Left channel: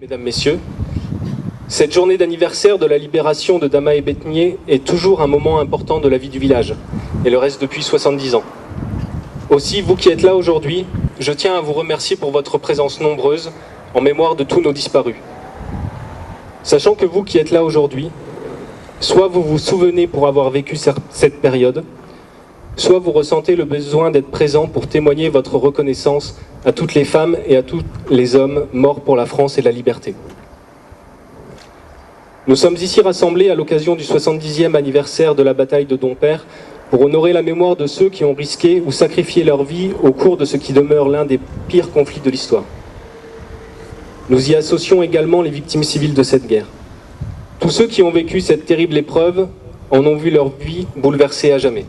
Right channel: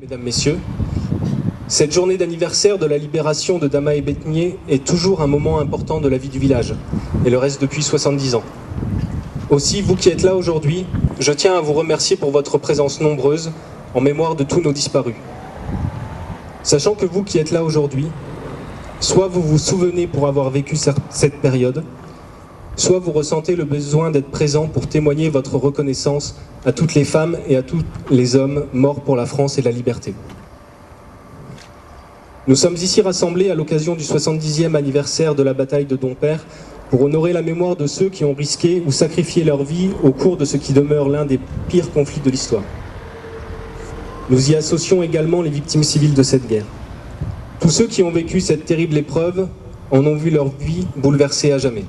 Mesdames, Messieurs, cette journée d'anniversaire de la libération de Dama-et-Bethnié est toujours un moment important de la vie du village, et le reste depuis 70 ans. Aussi, vous qui êtes là aujourd'hui, je tiens à vous remercier pour votre présence nombreuse en mémoire de tous nos disparus. Sachant que vous qui êtes là aujourd'hui, soit vous vous souvenez pour avoir vécu cette période, soit vous ressentez le besoin d'être présent pour témoigner votre reconnaissance à toutes les femmes et à tous les hommes morts pour la France et la liberté. Nous sommes ici rassemblés à l'occasion du 70e anniversaire de la bataille de Dompierre pour honorer la mémoire de ceux qui ont risqué ou sacrifié leur vie au cours de ce qui demeure l'un des pires conflits de l'histoire. Nous y associons également les victimes civiles de cette guerre. Tous ceux qui ont vécu cette terrible épreuve en ont vu leur vie bouleversée à jamais.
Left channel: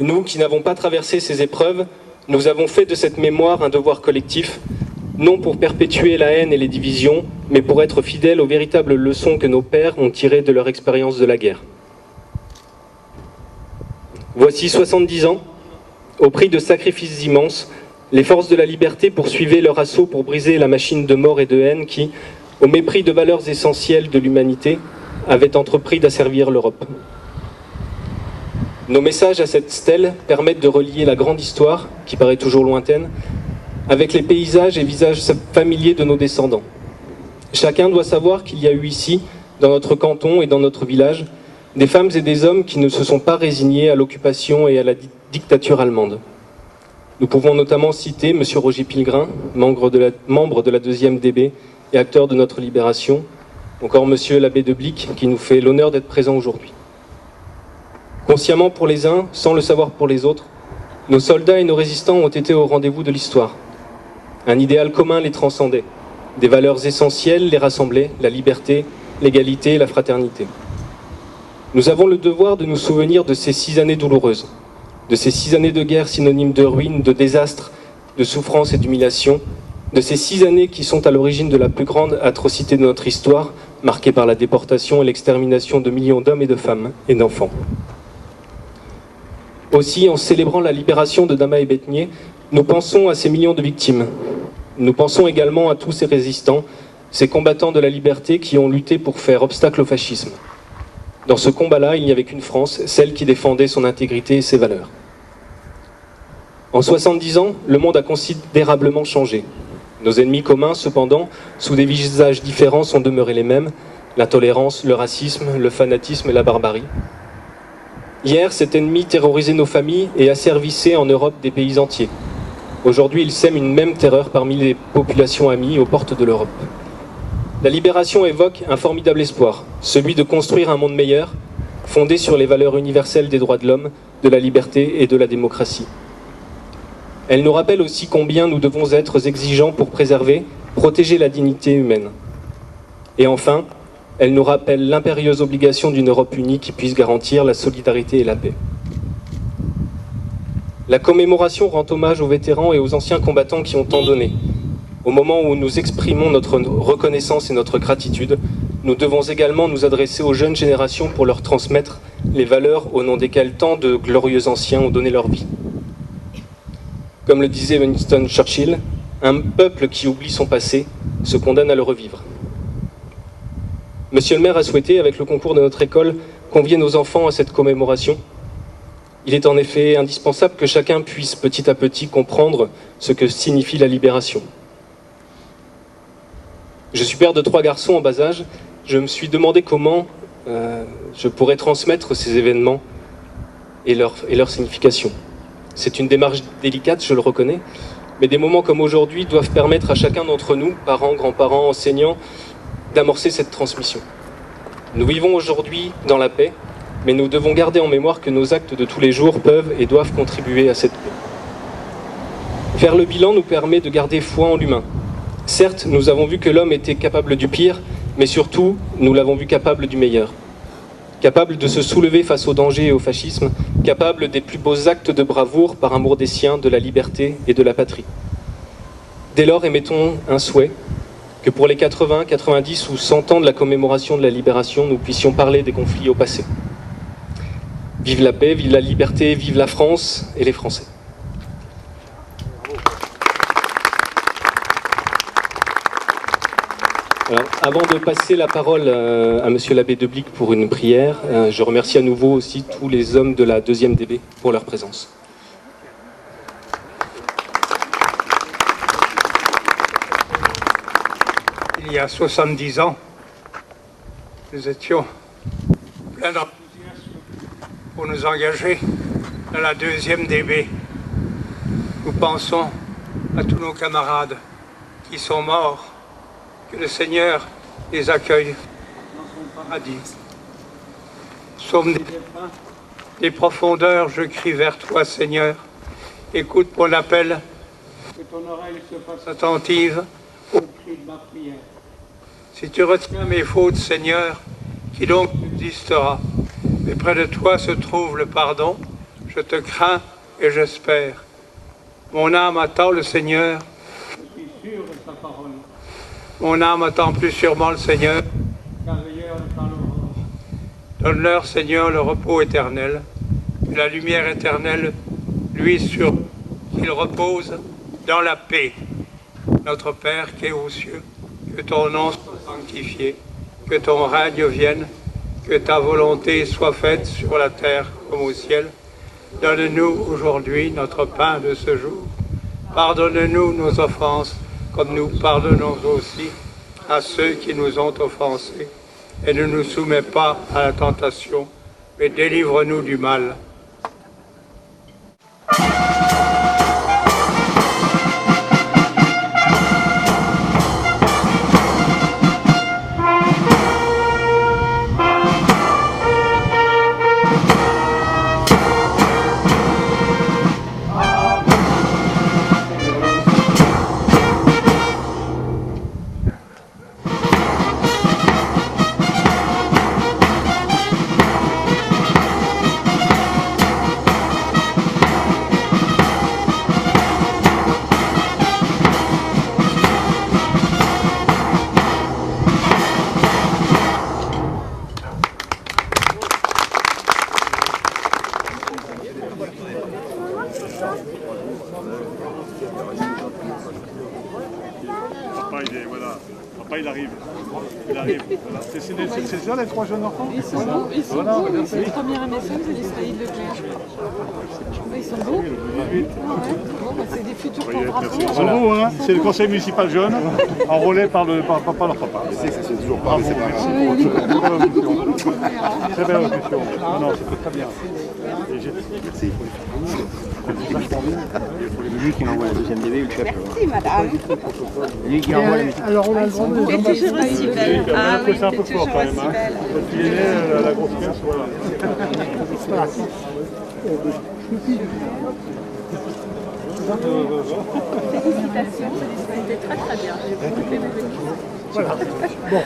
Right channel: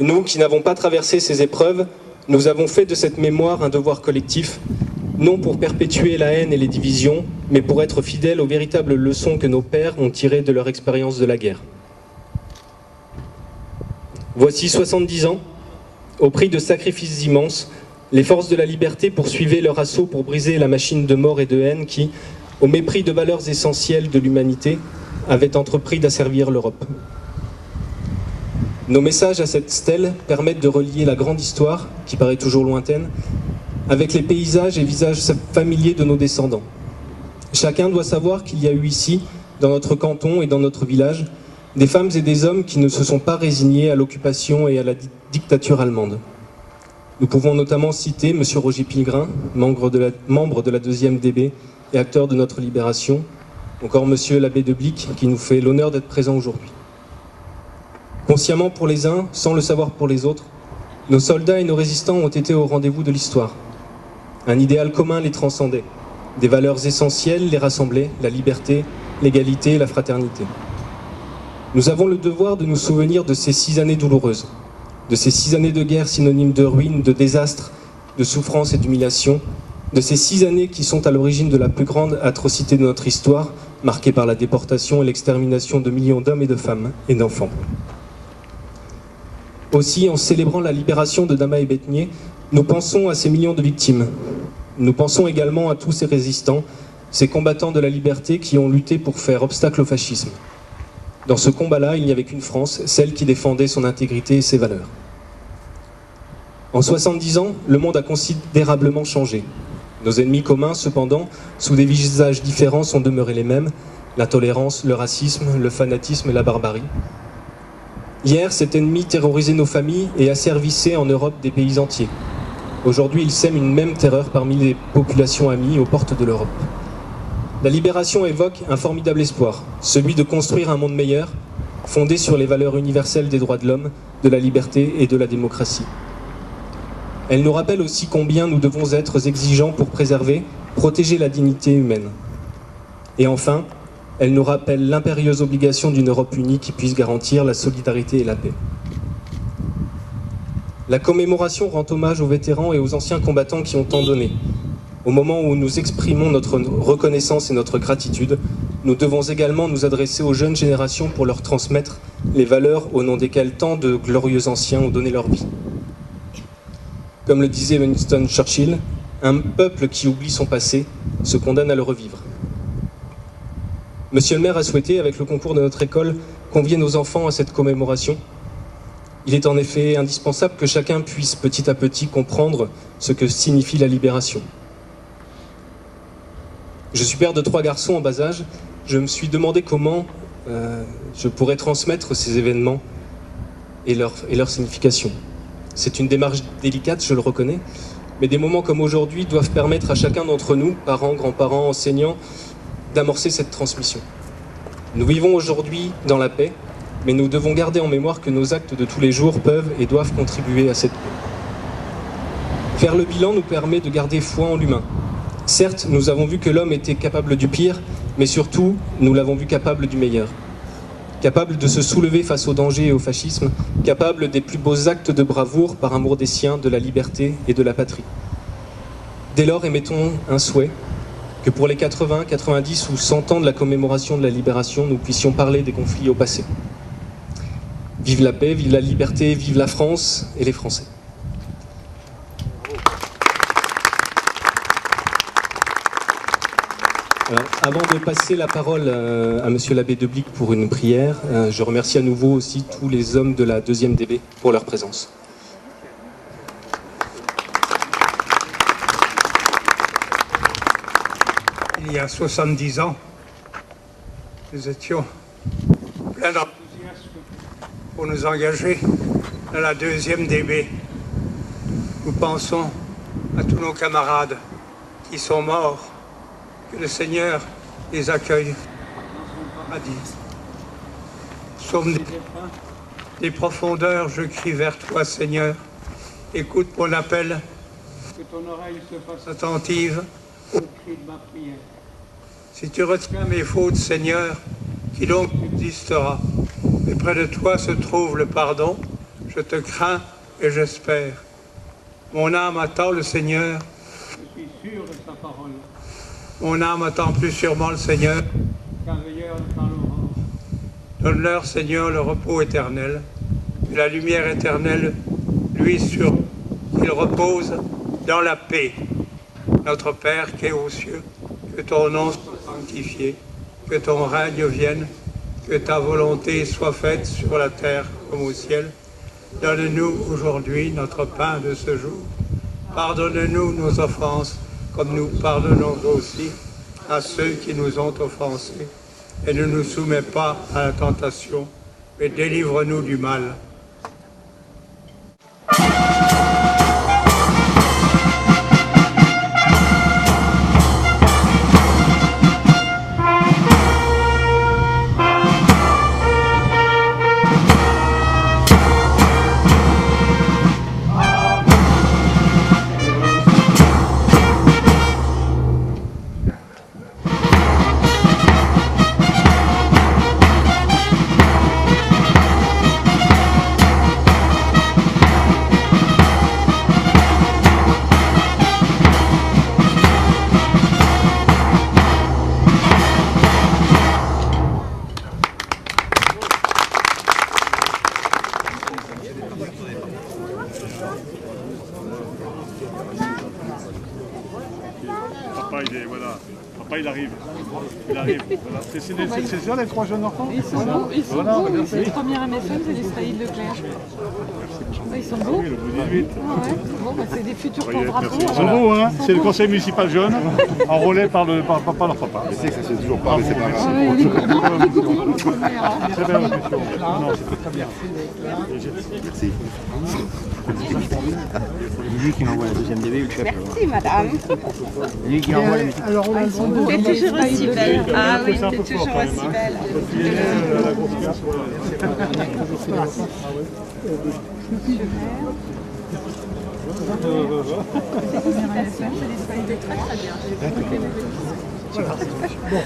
Nous qui n'avons pas traversé ces épreuves, nous avons fait de cette mémoire un devoir collectif, non pour perpétuer la haine et les divisions, mais pour être fidèles aux véritables leçons que nos pères ont tirées de leur expérience de la guerre. Voici 70 ans, au prix de sacrifices immenses, les forces de la liberté poursuivaient leur assaut pour briser la machine de mort et de haine qui, au mépris de valeurs essentielles de l'humanité, avait entrepris d'asservir l'Europe. Nos messages à cette stèle permettent de relier la grande histoire, qui paraît toujours lointaine, avec les paysages et visages familiers de nos descendants. Chacun doit savoir qu'il y a eu ici, dans notre canton et dans notre village, des femmes et des hommes qui ne se sont pas résignés à l'occupation et à la dictature allemande. Nous pouvons notamment citer M. Roger Pilgrim, membre de la 2e DB et acteur de notre libération, encore M. l'abbé de Blic, qui nous fait l'honneur d'être présent aujourd'hui. Consciemment pour les uns, sans le savoir pour les autres, nos soldats et nos résistants ont été au rendez-vous de l'histoire. Un idéal commun les transcendait. Des valeurs essentielles les rassemblaient, la liberté, l'égalité et la fraternité. Nous avons le devoir de nous souvenir de ces 6 années douloureuses, de ces 6 années de guerre synonymes de ruine, de désastre, de souffrance et d'humiliation, de ces 6 années qui sont à l'origine de la plus grande atrocité de notre histoire, marquée par la déportation et l'extermination de millions d'hommes et de femmes et d'enfants. Aussi, en célébrant la libération de Dama-et-Bethnié, nous pensons à ces millions de victimes. Nous pensons également à tous ces résistants, ces combattants de la liberté qui ont lutté pour faire obstacle au fascisme. Dans ce combat-là, il n'y avait qu'une France, celle qui défendait son intégrité et ses valeurs. En 70 ans, le monde a considérablement changé. Nos ennemis communs, cependant, sous des visages différents, sont demeurés les mêmes, l'intolérance, le racisme, le fanatisme et la barbarie. Hier, cet ennemi terrorisait nos familles et asservissait en Europe des pays entiers. Aujourd'hui, il sème une même terreur parmi les populations amies aux portes de l'Europe. La libération évoque un formidable espoir, celui de construire un monde meilleur, fondé sur les valeurs universelles des droits de l'homme, de la liberté et de la démocratie. Elle nous rappelle aussi combien nous devons être exigeants pour préserver, protéger la dignité humaine. Et enfin, elle nous rappelle l'impérieuse obligation d'une Europe unie qui puisse garantir la solidarité et la paix. La commémoration rend hommage aux vétérans et aux anciens combattants qui ont tant donné. Au moment où nous exprimons notre reconnaissance et notre gratitude, nous devons également nous adresser aux jeunes générations pour leur transmettre les valeurs au nom desquelles tant de glorieux anciens ont donné leur vie. Comme le disait Winston Churchill, un peuple qui oublie son passé se condamne à le revivre. Monsieur le maire a souhaité, avec le concours de notre école, convier nos enfants à cette commémoration. Il est en effet indispensable que chacun puisse petit à petit comprendre ce que signifie la libération. Je suis père de 3 garçons en bas âge. Je me suis demandé comment je pourrais transmettre ces événements et leur signification. C'est une démarche délicate, je le reconnais, mais des moments comme aujourd'hui doivent permettre à chacun d'entre nous, parents, grands-parents, enseignants, d'amorcer cette transmission. Nous vivons aujourd'hui dans la paix, mais nous devons garder en mémoire que nos actes de tous les jours peuvent et doivent contribuer à cette paix. Faire le bilan nous permet de garder foi en l'humain. Certes, nous avons vu que l'homme était capable du pire, mais surtout, nous l'avons vu capable du meilleur. Capable de se soulever face au danger et au fascisme, capable des plus beaux actes de bravoure par amour des siens, de la liberté et de la patrie. Dès lors, émettons un souhait, que pour les 80, 90 ou 100 ans de la commémoration de la libération, nous puissions parler des conflits au passé. Vive la paix, vive la liberté, vive la France et les Français. Alors, avant de passer la parole à Monsieur l'abbé Deblic pour une prière, je remercie à nouveau aussi tous les hommes de la 2e DB pour leur présence. Il y a 70 ans, nous étions pleins d'enthousiasme pour nous engager dans la 2e DB. Nous pensons à tous nos camarades qui sont morts, que le Seigneur les accueille dans son paradis. Somme des défunts, des profondeurs, je crie vers toi, Seigneur. Écoute mon appel, que ton oreille se fasse attentive au cri de ma prière. Si tu retiens mes fautes, Seigneur, qui donc subsistera? Mais près de toi se trouve le pardon. Je te crains et j'espère. Mon âme attend le Seigneur. Je suis sûr de sa parole. Mon âme attend plus sûrement le Seigneur, qu'un veilleur attend l'aurore. Donne-leur, Seigneur, le repos éternel, que la lumière éternelle luise sur eux, qu'ils reposent dans la paix. Notre Père qui es aux cieux, que ton nom soit sanctifié, que ton règne vienne, que ta volonté soit faite sur la terre comme au ciel. Donne-nous aujourd'hui notre pain de ce jour. Pardonne-nous nos offenses, comme nous pardonnons aussi à ceux qui nous ont offensés. Et ne nous soumets pas à la tentation, mais délivre-nous du mal. Papa, il arrive. Il arrive. Voilà. C'est ça les 3 jeunes enfants? Ils sont beaux, ils sont beaux. C'est le premier MSM, c'est l'Israël Leclerc. Ils sont beaux. Bon, c'est des futurs porte-drapeaux. Ils sont beaux, hein. C'est le conseil municipal jeune, enrôlé par leur papa. Je sais que ça se fait toujours pas, mais c'est pas grave. Très belle discussion. Non, c'était très bien. Merci. Lui qui m'envoie la 2e DB ou le chef. Merci madame. Lui qui envoie les messages. Alors on a le droit de... T'es toujours aussi belle. Ah oui, t'es toujours aussi belle. Il est né la grosse pièce, voilà. C'était très très bien. Voilà. Bon,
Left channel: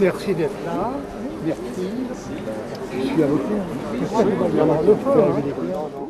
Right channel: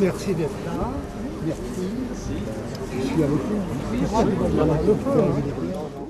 merci d'être là. Merci. Je suis avocat. Merci.